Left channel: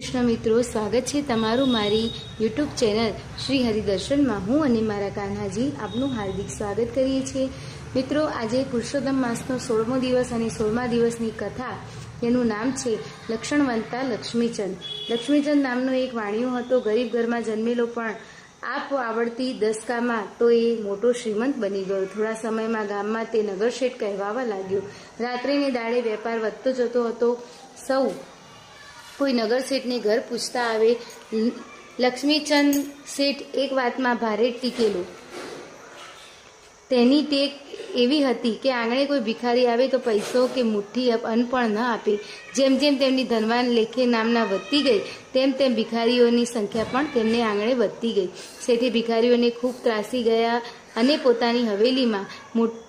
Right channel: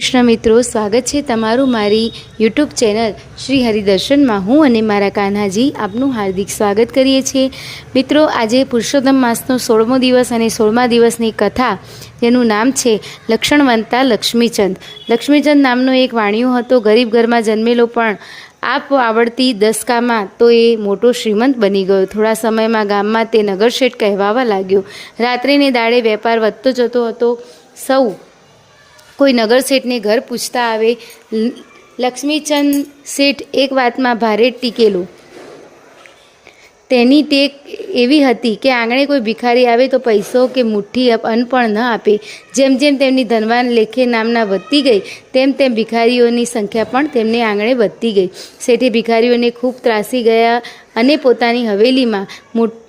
કૃષ્ણ મિત્રો, સ્વાગત છે તમારું મારી યુટ્યુબ ચેનલ શ્રી હરિદર્શનમાં। હું અને મારા કાન્હાજી આપનું હાર્દિક સ્વાગત કરીએ છીએ। મિત્રો, આજે પુરુષોત્તમ માસનો 16મો દિવસ અને 16મા દિવસની કથા, જેનું નામ છે લક્ષણવંતા લક્ષ્મીચંદ। લક્ષ્મીચંદ નામનો એક વાણિયો હતો। ગરીબ ઘરમાં જન્મેલો, પણ આપ આવડતી દસકામાં તો એ મોટો શ્રીમંત બની ગયો। થોડા સમયમાં ગામમાં તે નગરશેઠ કહેવાવા લાગ્યો। રાત્રે ને દાડે વેપાર વધતો જતો હતો। સૌ કોઈ નગર શેઠને ઘર પૂછતા આવે। લક્ષ્મીચંદ શેઠ એક વાતમાં ભારે ટીકેલો। તેની ટેક એવી હતી કે આંગણે કોઈ ભિખારી આવે તો પૈસો કે મુઠ્ઠી અન્ન પણ ન આપે। જેમ જેમ તેમની ધનવાન લેખે નામના વધતી ગઈ, તેમ તેમ ભિખારીઓની સંખ્યા પણ તેમને આંગણે વધતી ગઈ। શેઠે ભિખારીઓને ખૂબ ત્રાસી ગયા અને પોતાની હવેલીમાં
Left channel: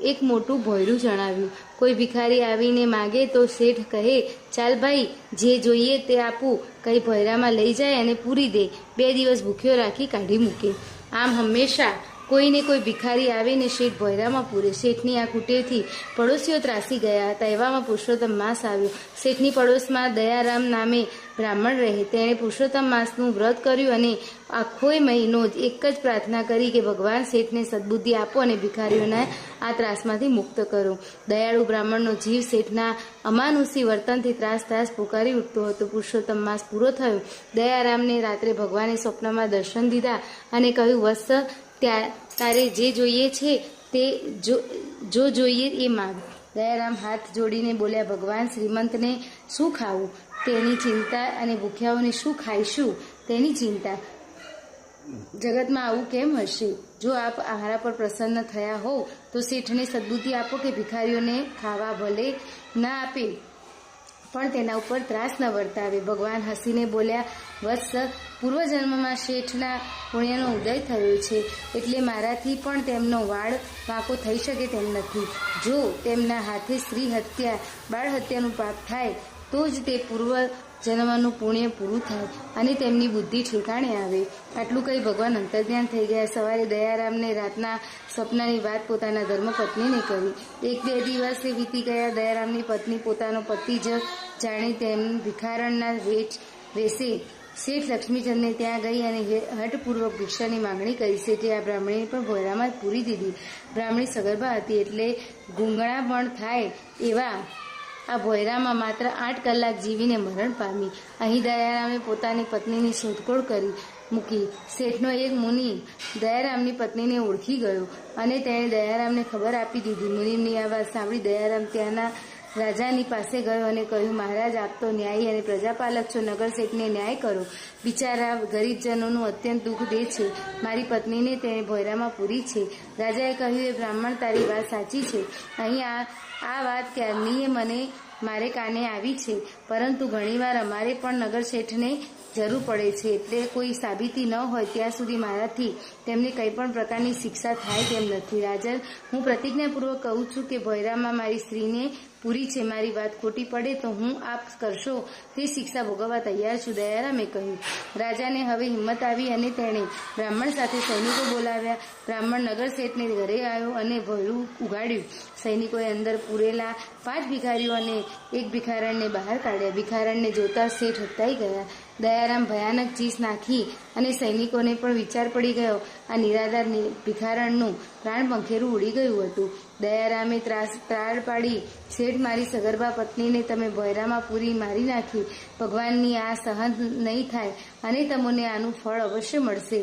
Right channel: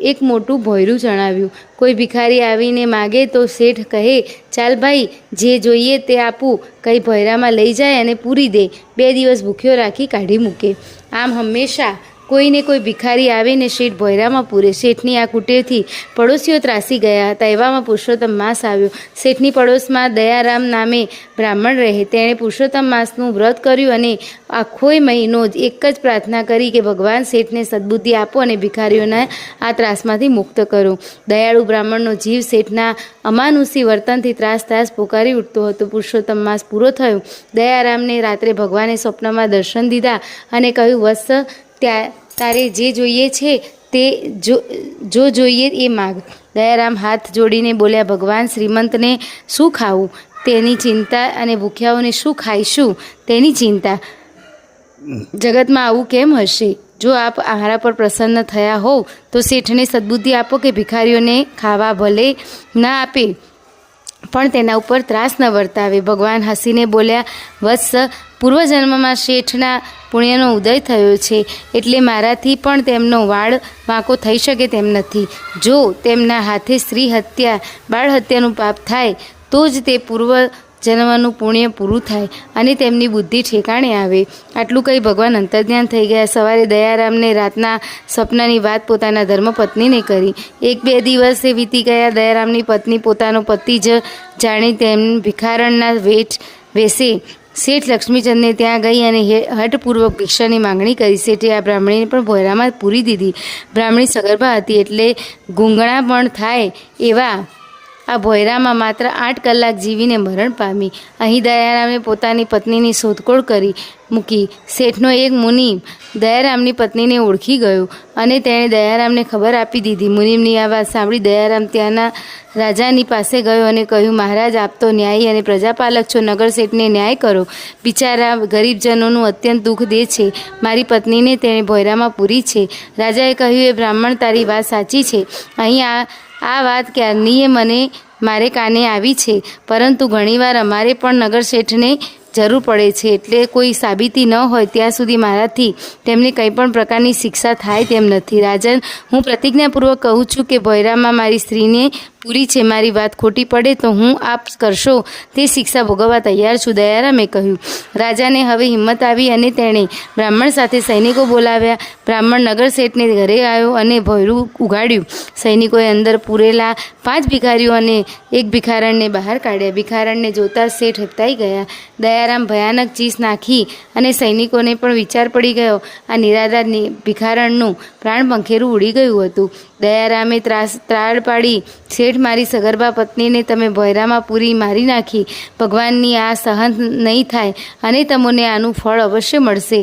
એક મોટું ભોંયરું જણાવ્યું। કોઈ ભિખારી આવીને માગે તો શેઠ કહે, ચાલ ભાઈ, જે જોઈએ તે આપું કંઈ ભોંયરામાં લઈ જાય અને પૂરી દે। 2 દિવસ ભૂખ્યો રાખી કાઢી મૂકે। આમ હંમેશા કોઈને કોઈ ભિખારી આવે ને શેઠ ભોંયરામાં પૂરે। શેઠની આ કુટેવથી પડોશીઓ ત્રાસી ગયા હતા। એવામાં પુરુષોત્તમ માસ આવ્યો। શેઠની પડોશમાં દયારામ નામે બ્રાહ્મણ રહે। તેણે પુરુષોત્તમ માસનું વ્રત કર્યું અને આખોય મહિનો એક જ પ્રાર્થના કરી કે ભગવાન શેઠને સદબુદ્ધિ આપો અને ભિખારીઓના આ ત્રાસમાંથી મુક્ત કરો। દયાળુ બ્રાહ્મણનો જીવ શેઠના અમાનુષી વર્તનથી ત્રાસ પોકારી ઉઠતો હતો। પુરુષોત્તમ માસ પૂરો થયો। દયારામને રાત્રે ભગવાને સ્વપ્નમાં દર્શન દીધા અને કહ્યું, વત્સ, તારે જે જોઈએ છે તે જો જોઈએ એ માગ। દયારામ હાથ જોડીને બોલ્યા, ભગવાન, શ્રીમંતને શું ખાવું તેની ચિંતા અને ભૂખ્યાઓને શું ખાઈશું તેની ચિંતા। જગતમાં આવું કેમ હશે? જો આપ આહારા પર પ્રસન્ન થયા હોવ તો શેઠને સદબુદ્ધિ આપો કે ભિખારીઓને ખાવા ભલે ના આપે પણ તેના ઉપર ત્રાસ ન વર્તાવે। ભગવાન હસીને બોલ્યા, વત્સ, પૂર્વજન્મમાં શેઠના પુણ્યનો ઉદય થયો છે, એટલે મારાથી પણ તેમનો વાળ વાંકો થઈ શકે તેમ નથી। જો તેમના હાથે સ્ત્રી હત્યા, બાળ હત્યાનું પાપ થાય તો જ તે પૂર્વજન્મનું પુણ્ય પૂરું થાય અને તેમની બુદ્ધિ ઠેકાણે આવે। આટલું કહી ભગવાન અંતર્ધ્યાન થઈ ગયા। સવારે દયારામને રાતના સ્વપ્નની વાત પોતાના ધર્મપત્નીને કરી। 1-2 દિવસે વીતી ગયા। દયારામની પત્ની પોતાનો પતિ જ જાણી તેમ ભિખારણના વેશે શેઠ લક્ષ્મીચંદને ત્યાં ગઈ અને હઠપૂર્વક ભિક્ષાની માંગણી કરી। શેઠે આ બ્રાહ્મણીને પણ ભોંયરામાં પૂરી દીધી। બ્રાહ્મણી સગર્ભા હતી, એટલે ગૂંગણા પણ થાય એવા આ ભોંયરામાં માત્ર 8 કલાક જીવીને મરણ પામી। અહીં દયારામે પોતાની પત્નીની શોધખોળ કરી મૂકી। શેઠનો એક મુનિ દયારામની પત્નીને ઓળખી ગયો અને તેણે દયારામને ખબર આપી દીધી। મુનિમની આ વાત સાંભળી દયારામ ત્યાંના રાજાની પાસે ગયો અને કહ્યું, મહારાજ, આપ તો ન્યાયી અને પ્રજાપાલક છો, નગર શેઠને ન્યાય કરો। બિચારા ગરીબજનોનું અત્યંત દુઃખ દે છે। મારી પત્નીને તેણે ભોંયરામાં પૂરી છે। રાજાએ કહ્યું, એ બ્રાહ્મણ, તારી વાત સાચી છે। અહીં આ વાત ક્યારની મારે કાને આવી છે, પરંતુ ઘણીવાર અમારે પણ નગર શેઠને જરૂર પડે છે, એટલે કોઈ સાબિતી ન હોય ત્યાં સુધી મારાથી તેમને કંઈ પણ પ્રકારની શિક્ષા થાય તેમ નથી। રાજન, હું પ્રતિજ્ઞાપૂર્વક કહું છું કે ભોંયરામાં મારી સ્ત્રીને પૂરી છે। મારી વાત ખોટી પડે તો હું આપ કરશો તે શિક્ષા ભોગવવા તૈયાર છું, દયારામે કહ્યું। રાજાને હવે હિંમત આવી અને તેણે બ્રાહ્મણ સાથે સૈનિકો બોલાવ્યા। બ્રાહ્મણ નગર શેઠને ઘરે આવ્યો અને ભોંયરું ઉગાડ્યું। સૈનિકોએ અંદર પૂરેલા 5 ભિખારીઓ અને એક ભિખારણને બહાર કાઢ્યા। ભિખારણને જોતા શેઠ હકતાઈ ગયા। દયારામ ભયાનક ચીસ નાખી અને સૈનિકોને પણ વિચાર પડી ગયો, આ નિરાધાર ભિખારણનું પ્રાણ પંખેરું ઉડી ગયું હતું। દયારામે ત્રાળ પાડી, શેઠ, મારી સગર્ભા પત્નીને તમે ભોંયરામાં પૂરી મારી નાખી। ભગવાનની આ સહન નહીં થાય અને તમને આનું ફળ અવશ્ય મળશે।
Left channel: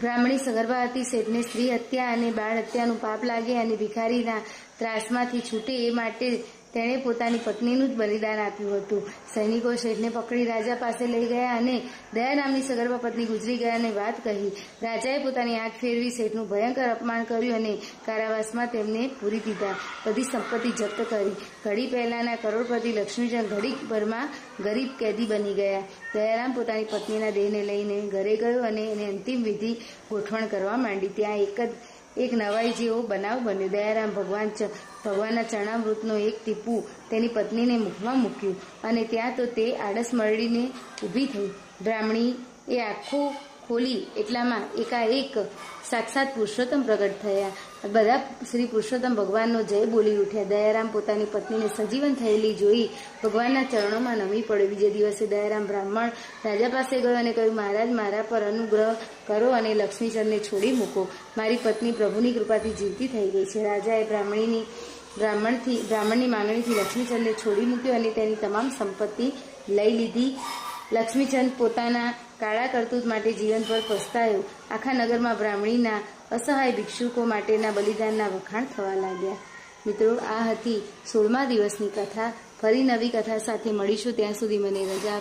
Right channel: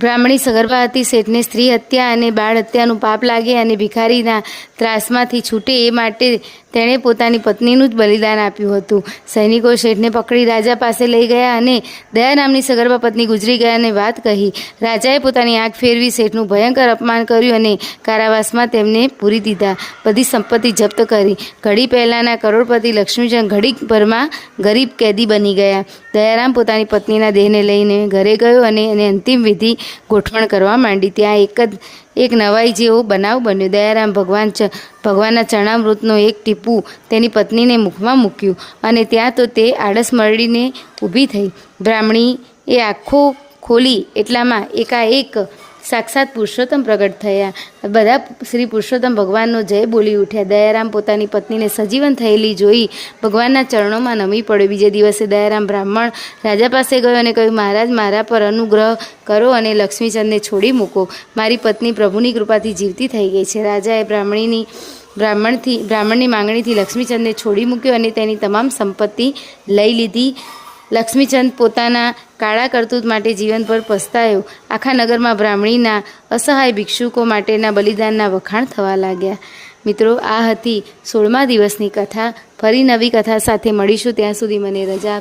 બ્રાહ્મણી સગર્ભા હતી। શેઠને સ્ત્રી હત્યા અને બાળ હત્યાનું પાપ લાગે અને ભિખારીના ત્રાસમાંથી છૂટે એ માટે તેણે પોતાની પત્નીનું જ બલિદાન આપ્યું હતું। સૈનિકો શેઠને પકડી રાજા પાસે લઈ ગયા અને દયા નામની સગર્ભા પત્ની ગુજરી ગયાની વાત કહી। રાજાએ પોતાની આંખ ફેરવી શેઠનું ભયંકર અપમાન કર્યું અને કારાવાસમાં તેમને પૂરી દીધા। બધી સંપત્તિ જપ્ત કરી। ઘડી પહેલાંના કરોડપતિ લક્ષ્મીચંદ ઘડીકભરમાં ગરીબ કેદી બની ગયા। દયારામ પોતાની પત્નીના દેહને લઈને ઘરે ગયો અને એને અંતિમ વિધિ ગોઠવણ કરવા માંડી। ત્યાં એક નવાઈ જેવો બનાવ બન્યો। દયારામ ભગવાનના ચરણામૃતનો એક ટીપું તેની પત્નીને મુખમાં મૂક્યું અને ત્યાં તો તે આળસ મરડીને ઊભી થઈ। બ્રાહ્મણી એ આંખો ખોલી એટલામાં એકાએક સાક્ષાત પુરુષોત્તમ પ્રગટ થયા. બધા શ્રી પુરુષોત્તમ ભગવાનનો જય બોલી ઉઠ્યા. દયારામ પોતાની પત્નીને સજીવન થયેલી જોઈ ભગવાનના ચરણોમાં નમી પડ્યો. બીજે દિવસે દયારામ બ્રાહ્મણ રાજા પાસે ગયો અને કહ્યું, મહારાજ, મારા પર અનુગ્રહ કરો અને લક્ષ્મીચંદને છોડી મૂકો. મારી પત્ની પ્રભુની કૃપાથી જીવતી થઈ ગઈ છે. રાજાએ બ્રાહ્મણની માંગણીથી લક્ષ્મીચંદને છોડી મૂક્યો અને તેની તમામ સંપત્તિ લઈ લીધી. લક્ષ્મીચંદ પોતાના કાળા કરતૂત માટે જીવનભર પસ્તાયો. આખા નગરમાં બ્રાહ્મણીના અસહાય ભિક્ષુકો માટેના બલિદાનના વખાણ થવા લાગ્યા. મિત્રો, આ હતી 16મા દિવસની કથા. ફરી નવી કથા સાથે મળીશું. ત્યાં સુધી મને રજા આપશો.